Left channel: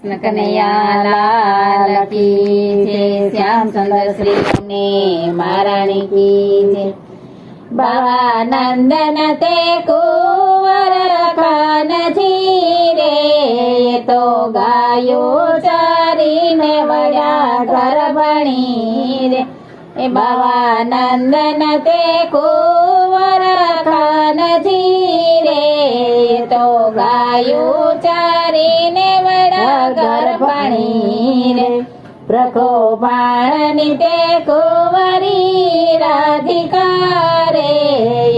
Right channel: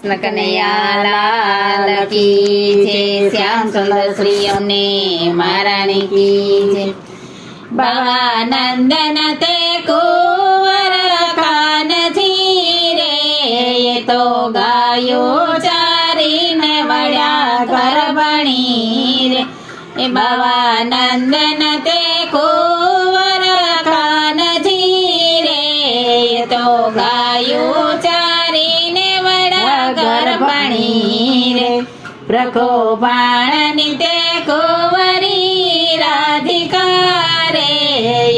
કનૈયા લાલ કી જય, શ્યામ સુંદર શ્રી અમને મહારાણી કી જય। બાવા નંદન તે કુંવર કાનજી રે, એ તો ગાયો ચારીને વળ્યા ગર્ભણી રે। એ બાવા નંદન તે કુંવર કાનજી રે, એ તો ગાયો ચારીને વળ્યા ગર્ભણી રે। પ્રખો બાણની તે કુંવરી રાધિકા રે,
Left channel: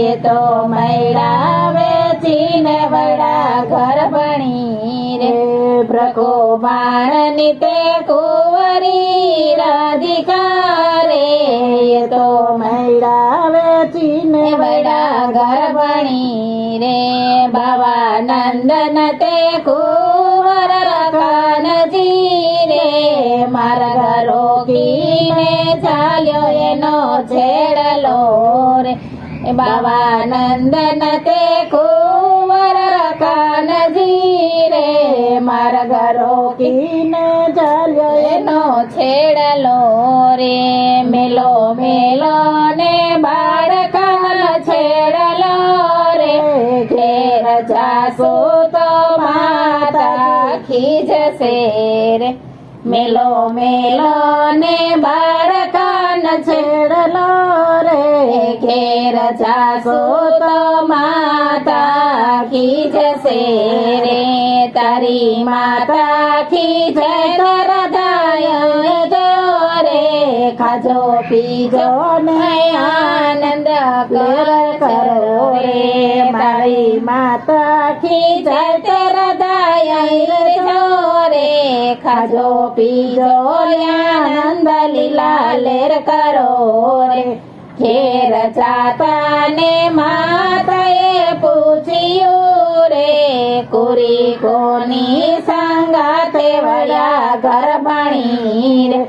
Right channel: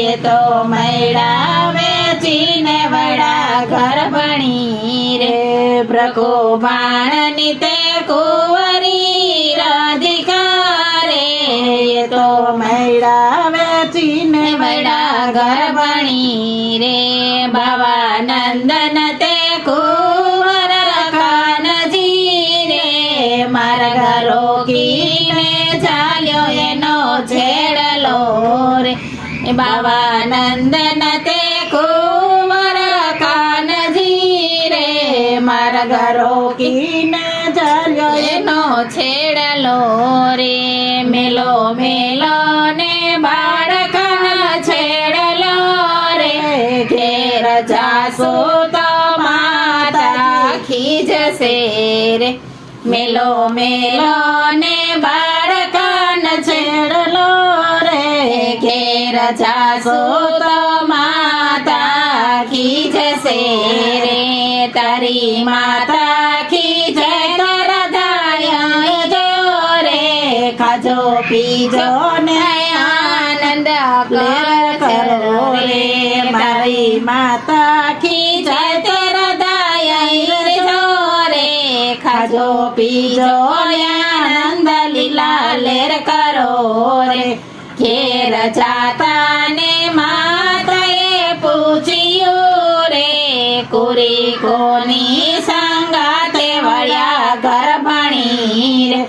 એ તો મૈડા વેચીને વળ્યા ગર્ભણી રે। પ્રખો બાણની તે કુંવરી રાધિકા રે, એ તો મૈડા વેચીને વળ્યા ગર્ભણી રે। બાવા નંદન તે કુંવર કાનજી રે, માર્ગ રોકીને ચાલ્યો એનો છેડલો રે। એ બાવા નંદન તે કુંવર કાનજી રે, માર્ગ રોકીને ચાલ્યો એનો છેડલો રે। મેલો મેલો ને બાળકના છેડલો રે, ઘેર જાસુ તો માતા ખીજશે રે। મેલો મેલો ને બાળકના છેડલો રે, ઘેર જાસુ તો માતા ખીજશે રે। તારી માતા ખીજે રાધાય જો રે, ખાજો પીજો ને આનંદ કરો રે। તારી માતા ખીજે રાધાય જો રે, ખાજો પીજો આનંદ લીલા લેર કરો રે। ઘેર જાતા ને માતાએ પૂછ્યું રે, કુરી કોની સંગાતે વળ્યા ગર્ભણી રે।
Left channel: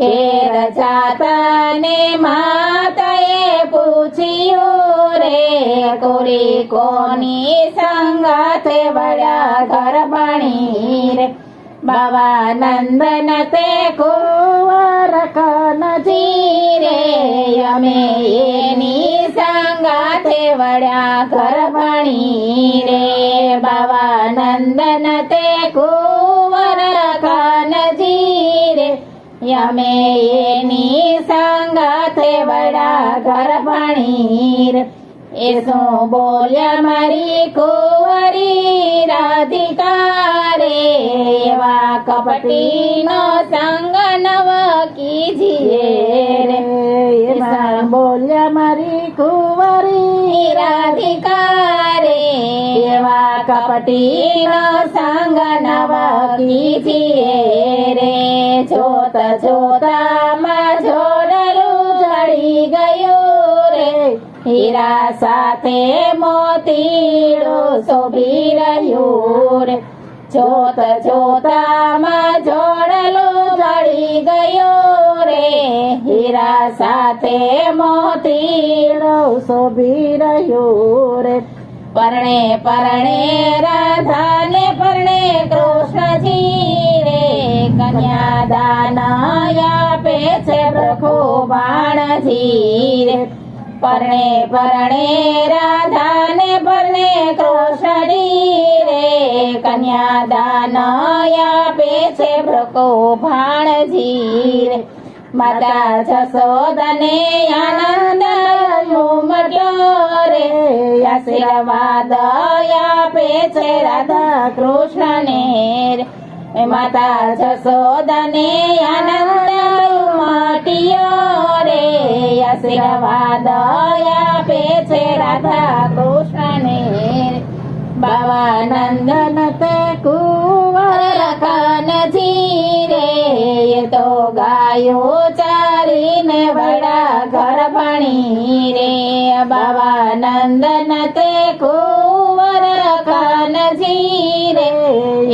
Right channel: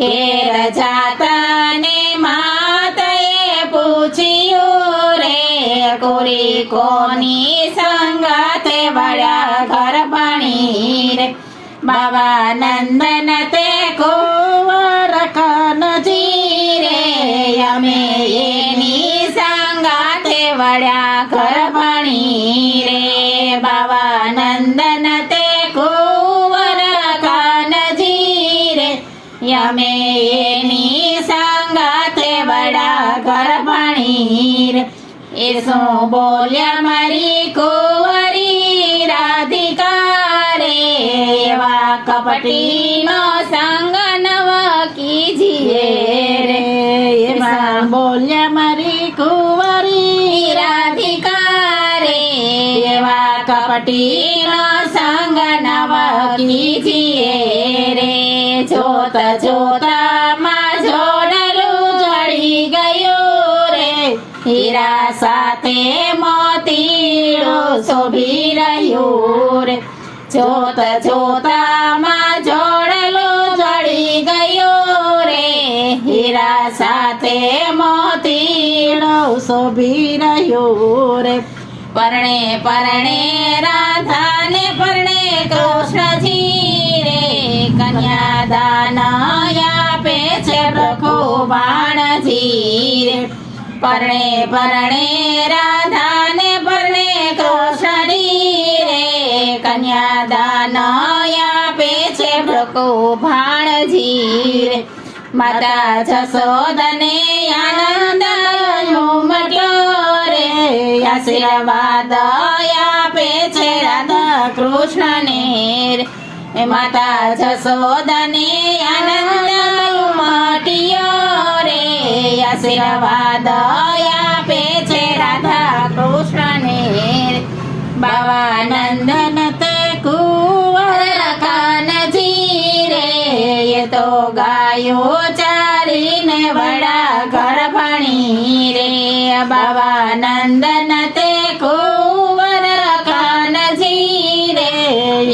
ઘેર જાતા ને માતાએ પૂછ્યું રે, કુરી કોની સંગાતે વળ્યા ગર્ભણી રે। બાવા નંદન તે કુંવર કાનજી રે, અમે એની સંગાતે વળ્યા ગર્ભણી રે। બાવા નંદન તે કુંવર કાનજી રે, અમે એની સંગાતે વળ્યા ગર્ભણી રે। એ શું બોલ્યા મારી કુંવરી રાધિકા રે, એવા કપટીનો સંગ નવ કીજીએ રે। એમાં બોલ્યા મારી કુંવરી રાધિકા રે, એવા કપટીનો સંગ નવ કીજીએ રે। જોત જોતરામાં જોડલું જડી ગયું રે, હીરા સાથે મોતીડું શોભી રહ્યું રે। જોત જોતામાં જોડલું જડી ગયું રે, હીરા સાથે મોતીડું શોભી રહ્યું રે। પરણે પરણે રાધાને પરણે કૃષ્ણજી રે, કન્યાદાન આપે છે પ્રખો બાણજી રે। પરણે પરણે રાધાને પરણે કૃષ્ણજી રે, કન્યાદાન આપે છે પ્રખો ભાણજી રે। માતા જશોદને આનંદ ઉમટ્યો રે, આશીર્વાદ આપે છે રાધા કૃષ્ણને રે। માતા જશોદને આનંદ ઉમટ્યો રે, આશીર્વાદ આપે છે રાધા કૃષ્ણને રે। બાવા નંદન તે કુંવર કાનજી રે, એ તો ગાયો ચારીને વળ્યા ગર્ભણી રે। બાવા નંદન તે કુંવર કાનજી રે,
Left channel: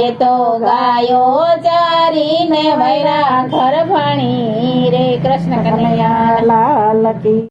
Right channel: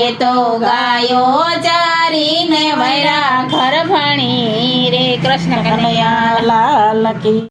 એ તો ગાયો ચારીને વળ્યા ગર્ભણી રે। કૃષ્ણ કનૈયા લાલ કી